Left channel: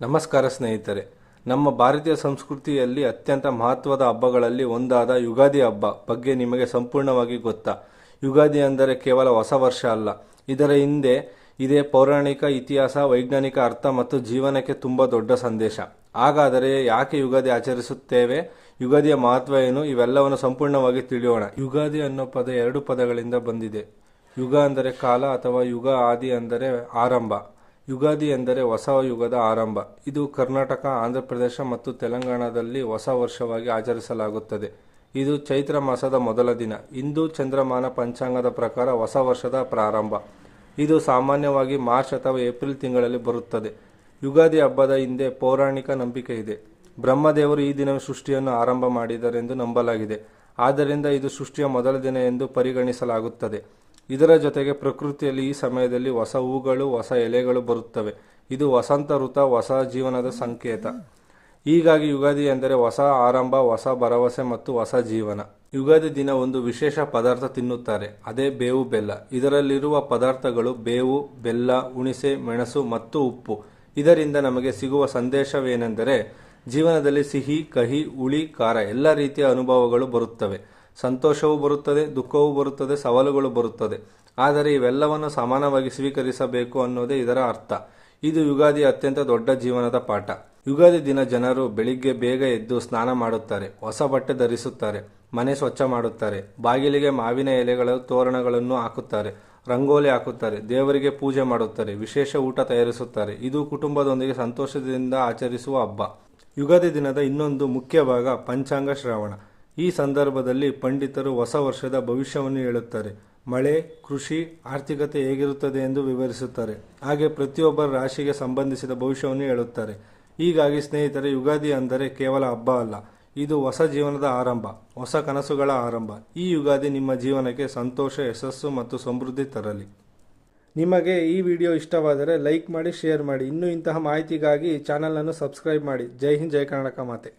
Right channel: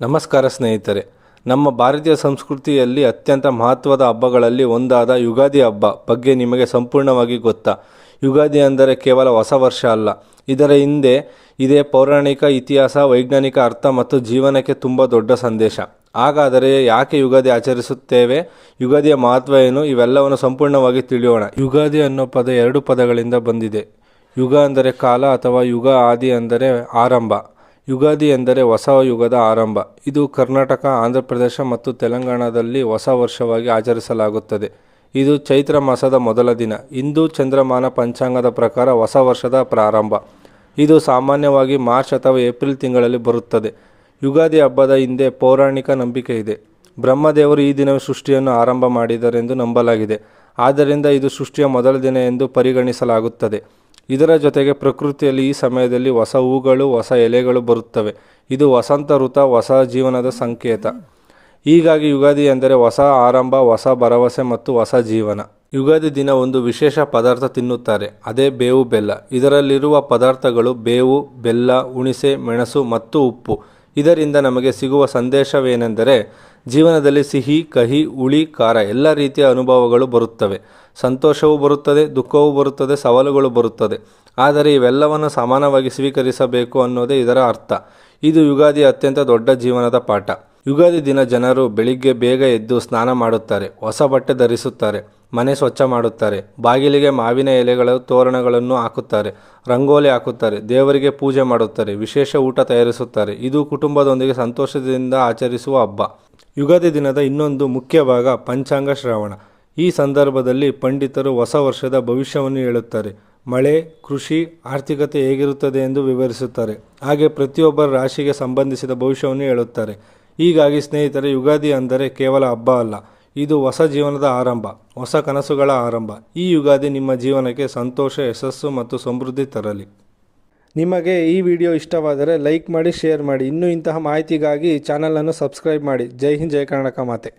ನಮಸ್ಕಾರ ಸ್ನೇಹಿತರೆ. ನಮ್ಮ ಭಾರತೀಯ ಸಂಸ್ಕೃತಿಯಲ್ಲಿ ಅತ್ಯಂತ ಮಹತ್ವದ ಹಬ್ಬಗಳಲ್ಲಿ ಒಂದಾದ ಯುಗಾದಿ ಹಬ್ಬ ಬಗ್ಗೆ ನಿಮಗೆ ಸಂಪೂರ್ಣವಾಗಿ ಗೊತ್ತಾ? ಯುಗಾದಿ ಅಂದರೆ ಕೇವಲ ಹೊಸ ವರ್ಷ ಅಲ್ಲ, ಇದರ ಹಿಂದೆ ಇದೇ ಪೌರಾಣಿಕ ಇತಿಹಾಸ, ವೈಜ್ಞಾನಿಕ ಅರ್ಥ ಮತ್ತು ಜೀವನಕ್ಕೆ ತುಂಬ ದೊಡ್ಡ ಸಂದೇಶ. ಹಾಗಾದರೆ ಯಾಕೆ ಯುಗಾದಿ ಆಚರಿಸುತ್ತೇವೆ? ಯುಗಾದಿಯ ಮಹತ್ವ ಏನು? ಇವೆಲ್ಲವನ್ನು ಸಂಪೂರ್ಣವಾಗಿ ತಿಳಿಯೋಣ. ಯುಗಾದಿ ಅನ್ನೋ ಪದ ಎರಡು ಪದಗಳಿಂದ ಬಂದಿದೆ. ಯುಗ ಅಂದರೆ ಕಾಲ ಅಥವಾ ಯುಗ, ಆದಿ ಅಂದರೆ ಆರಂಭ. ಯುಗಾದಿ ಎಂದರೆ ಹೊಸ ಯುಗದ ಆರಂಭ. ಇದು ಕರ್ನಾಟಕ, ಆಂಧ್ರ ಪ್ರದೇಶ ಮತ್ತು ತೆಲಂಗಾಣದಲ್ಲಿ ಹೊಸ ವರ್ಷವಾಗಿ ಆಚರಿಸಲಾಗುತ್ತದೆ. ಇದು ಚೈತ್ರ ಮಾಸದ ಮೊದಲ ದಿನ. ಹಿಂದೂ ಚಂದ್ರಮಾನ ಪಂಚಾಂಗದ ಪ್ರಕಾರ ಹೊಸ ವರ್ಷದ ಪ್ರಾರಂಭ. ಇದು ಸಾಮಾನ್ಯವಾಗಿ ಮಾರ್ಚ್ ಅಥವಾ ಏಪ್ರಿಲ್ ತಿಂಗಳಲ್ಲಿ ಬರುತ್ತದೆ. ಯುಗಾದಿ ಹಬ್ಬದ ಹಿಂದೆ ಪೌರಾಣಿಕ ನಂಬಿಕೆ ಇದೆ. ಬ್ರಹ್ಮದೇವರು ಈ ದಿನವೇ ಸೃಷ್ಟಿಯನ್ನು ಆರಂಭ ಮಾಡಿದರೆಂದು ನಂಬಲಾಗಿದೆ. ಆದ್ದರಿಂದ ಇದು ಸೃಷ್ಟಿಯ ಮೊದಲ ದಿನ ಎಂದು ಪರಿಗಣಿಸಲಾಗುತ್ತದೆ. ಇದರ ಜೊತೆಗೆ ಪ್ರಕೃತಿಯಲ್ಲಿ ಈ ಸಮಯದಲ್ಲಿ ಹೊಸ ಹೂಗಳು, ಹೊಸ ಎಲೆಗಳು ಬರುತ್ತವೆ. ಇದು ವಸಂತ ಋತು, ಹೊಸ ಜೀವನದ ಸಂಕೇತ. ಹೀಗಾಗಿ ಯುಗಾದಿ ಎಂದರೆ ಹೊಸ ಆರಂಭ, ಹೊಸ ಭರವಸೆ ಮತ್ತು ಹೊಸ ಜೀವನ. ಯುಗಾದಿ ದಿನ ಒಂದು ವಿಶೇಷ ಪದಾರ್ಥ ತಿನ್ನುತ್ತಾರೆ, ಅದೇ ಬೇವು ಬೆಲ್ಲ. ಇದರಲ್ಲಿರುವ ಪದಾರ್ಥಗಳು ಬೇವು, ಬೆಲ್ಲ, ಹುಣಿಸೆ, ಮೆಣಸು ಮತ್ತು ಉಪ್ಪು. ಇದರಿಂದ ನಮಗೆ ಸಿಗುವ ಸಂದೇಶವೇನೆಂದರೆ ಜೀವನದಲ್ಲಿ ಸಿಹಿ, ಕಹಿ, ಹುಳಿ, ಖಾರ ಎಲ್ಲ ರೀತಿಯ ಅನುಭವಗಳು ಬರುತ್ತವೆ. ಸಂತೋಷವೂ ಬರುತ್ತದೆ, ದುಃಖವೂ ಬರುತ್ತದೆ, ಸವಾಲುಗಳು ಬರುತ್ತದೆ. ಆದರೆ ಇವೆಲ್ಲವನ್ನು ಸಮಾನವಾಗಿ ಸ್ವೀಕರಿಸಬೇಕು ಅನ್ನೋದೇ ಇದರ ಅರ್ಥ. ಇದು ಯುಗಾದಿಯ ಅತ್ಯಂತ ದೊಡ್ಡ ಜೀವನದ ಪಾಠ. ಯುಗಾದಿ ದಿನ ಜನರು ಬೆಳಿಗ್ಗೆ ಬೇಗ ಎದ್ದು ಸ್ನಾನ ಮಾಡುತ್ತಾರೆ, ಹೊಸ ಬಟ್ಟೆ ಧರಿಸುತ್ತಾರೆ, ಮನೆ ಸ್ವಚ್ಛ ಮಾಡುತ್ತಾರೆ, ಬಾಗಿಲಿಗೆ ಮಾವಿನ ಎಲೆಗಳ ತೋರಣಗಳನ್ನು ಹಾಕುತ್ತಾರೆ, ರಂಗೋಲಿ ಹಾಕುತ್ತಾರೆ, ದೇವರಿಗೆ ಪೂಜೆ ಮಾಡುತ್ತಾರೆ, ವಿಶೇಷ ಊಟ ತಯಾರಿಸುತ್ತಾರೆ. ಇದು ಕುಟುಂಬದೊಂದಿಗೆ ಸಂತೋಷದಿಂದ ಆಚರಿಸುವ ಹಬ್ಬ. ಯುಗಾದಿ ದಿನದ ಇನ್ನೊಂದು ಮುಖ್ಯ ಭಾಗ ಪಂಚಾಂಗ ಶ್ರವಣ. ಈ ಸಂದರ್ಭದಲ್ಲಿ ಪಂಡಿತರು ಹೊಸ ವರ್ಷದ ಭವಿಷ್ಯವನ್ನು ಹೇಳುತ್ತಾರೆ. ಮಳೆ, ಕೃಷಿ, ಆರ್ಥಿಕತೆ ಹೇಗಿರುತ್ತದೆ ಎಂದು ವಿವರಿಸುತ್ತಾರೆ. ಹಾಗೆ ಪ್ರತಿಯೊಬ್ಬರ ರಾಶಿಗೆ ಸಂಬಂಧಿಸಿದ ಭವಿಷ್ಯವನ್ನು ಹೇಳುತ್ತಾರೆ. ಹೀಗಾಗಿ ಸ್ನೇಹಿತರೆ, ಯುಗಾದಿ ಅಂದರೆ ಕೇವಲ ಹಬ್ಬ ಅಲ್ಲ, ಇದು ಹೊಸ ಜೀವನದ ಆರಂಭ, ಹೊಸ ಕನಸುಗಳ ಆರಂಭ. ಈ ಯುಗಾದಿ ನಿಮ್ಮ ಜೀವನಕ್ಕೆ ಸಂತೋಷ, ಯಶಸ್ಸು ಮತ್ತು ಸಮೃದ್ಧಿ ತರಲಿ. ನಿಮಗೆ ಈ ವಿಡಿಯೋ ಇಷ್ಟವಾದರೆ ಲೈಕ್ ಮಾಡಿ, ಶೇರ್ ಮಾಡಿ. ಇನ್ನೂ ಇಂತಹ ಮಾಹಿತಿಗಾಗಿ ಚಾನಲನ್ನು ಸಬ್ಸ್ಕ್ರೈಬ್ ಮಾಡಿ. ಜೈ ಹಿಂದ್, ಜೈ ಕರ್ನಾಟಕ ಮಾತೆ.